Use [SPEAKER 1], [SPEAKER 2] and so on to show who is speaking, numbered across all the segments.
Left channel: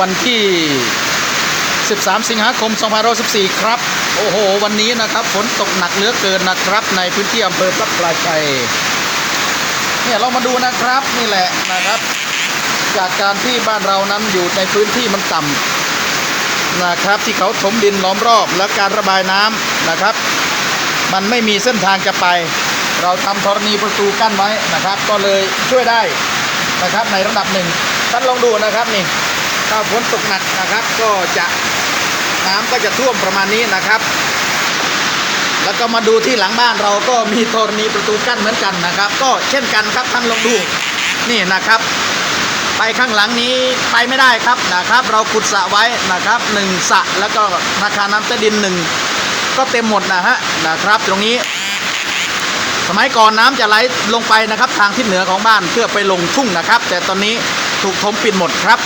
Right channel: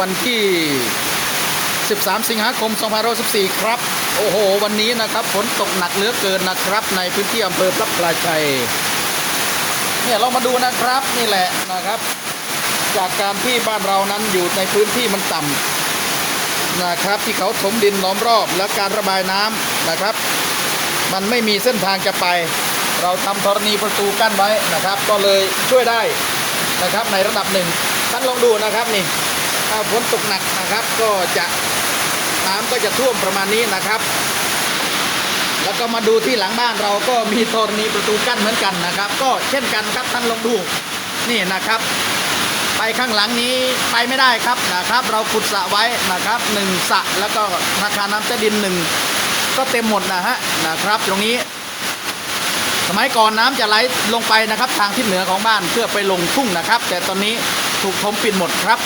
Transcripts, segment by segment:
[SPEAKER 1] วันที่ 13 สิงหาคม 2514 ครับ โอ้โห วันนี้นะครับฝนตกหนักเหลือเกินนะครับ ในพื้นที่อำเภอพระปราชัยเนี่ยเรามาดูนะครับนี่แหละนะครับ จากการที่บ้านเรานั้นอยู่ในพื้นที่มันต่ำนะครับ ที่เขาถมดินล้อมรอบและการระบายน้ำนะครับ มันไม่มีเส้นทางจะไป เราทำธรณีประตูกั้นไว้นะครับ ก็เลยช่วยได้นะครับในระดับหนึ่งท่านลองดูนะครับนี่ ถ้าฝนตกหนักนะครับ ก็จะน้ำก็จะท่วมประมาณนี้นะครับ แล้วก็มาดูที่หลังบ้านเราก็มีธรณีประตูกั้นเหมือนกันนะครับ ก็เช่นกันครับท่านลองดูนี่นะครับ ไปข้างหลังนี้ไปไม่ได้ครับนะครับ เราขุดสระไว้นะครับหนึ่งสระแล้วก็ราคาน้ำใต้ดินหนึ่งก็เต็มหมดนะฮะนะครับ ตรงนี้ สมัยก่อนน้ำจะไหลลงไปนะครับ ทางทิศเหนือของบ้านเพื่อไปลงทุ่งนะครับ แต่ตอนนี้ถูกถมปิดหมดครับ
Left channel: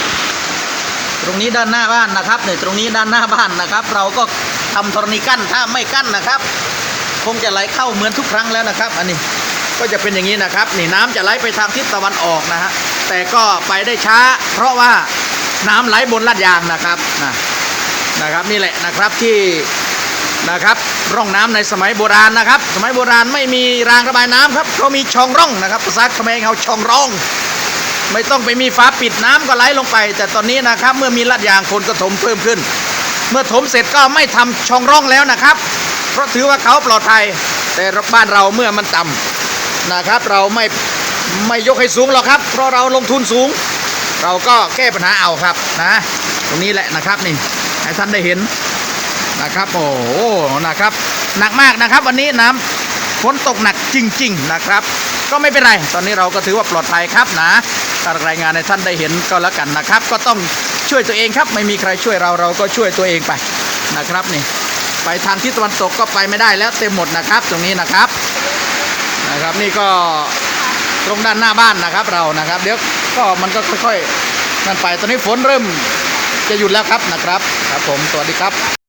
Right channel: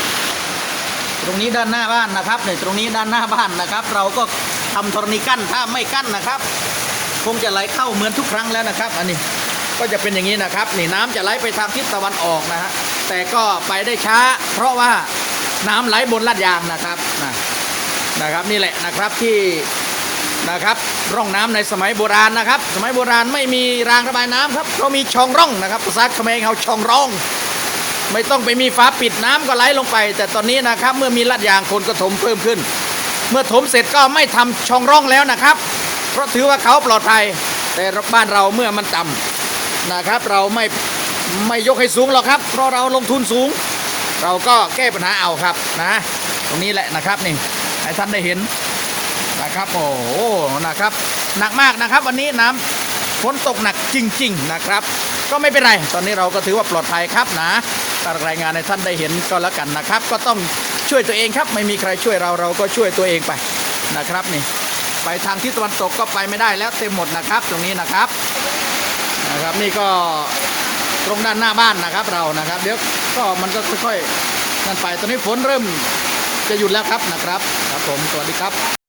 [SPEAKER 1] ตรงนี้ด้านหน้าบ้านนะครับเนี่ยตรงนี้ด้านหน้าบ้านนะครับ เราก็ทำธรณีกั้นถ้าไม่กั้นนะครับ คงจะไหลเข้าเหมือนทุกครั้งแล้วนะครับ อันนี้ก็จะเป็นอย่างนี้นะครับ นี่น้ำจะไหลไปทางทิศตะวันออกนะฮะแต่ก็ไปได้ช้า เพราะว่าน้ำไหลบนลาดยางนะครับนะนะครับนี่แหละนะครับที่นะครับร่องน้ำในสมัยโบราณนะครับ สมัยโบราณไม่มีรางระบายน้ำครับเขามีช่องร่องนะครับภาษาเขมรเขาช่องร่อง ไม่ต้องไปมีฝาปิดน้ำก็ไหลลงไป แต่ตอนนี้นะครับ เมื่อมีลาดยางคนก็ถมเพิ่มขึ้น เมื่อถมเสร็จก็ไม่ทำช่องร่องแล้วนะครับ เพราะถือว่าเขาปลอดภัย แต่บ้านเราเมื่อมันต่ำนะครับ เราไม่ไม่ยกให้สูงหรอกครับ เพราะเราลงทุนสูง เราก็แก้ปัญหาเอาครับนะ ตรงนี้แหละนะครับนี่ให้ท่านได้เห็นนะครับโอ้โหนะครับ หนักมากนะครับ วันนี้น้ำฝนตกหนักจริง ๆ นะครับ ก็ไม่เป็นไร ตอนนี้เราก็ถือว่าปลอดภัยครับนะถ้ารายงานให้ท่านได้เห็นก็แล้วกันนะครับ ก็ต้องช่วยตัวเองครับ ไม่มีใครช่วยเราเราก็ช่วยตัวเองไปนะครับนี่ ไปทางทิศตะวันตกก็ไปไม่ได้แล้วเต็มหมดนะครับ ตรงนี้นะครับนะครับนี่ก็ลงด้านหน้าบ้านนะครับเรานะครับ เดี๋ยวก็มันก็ค่อยๆนั่นไปตอนนี้ฝนเริ่มจะหยุดแล้วครับนะครับ ครับผมสวัสดีครับ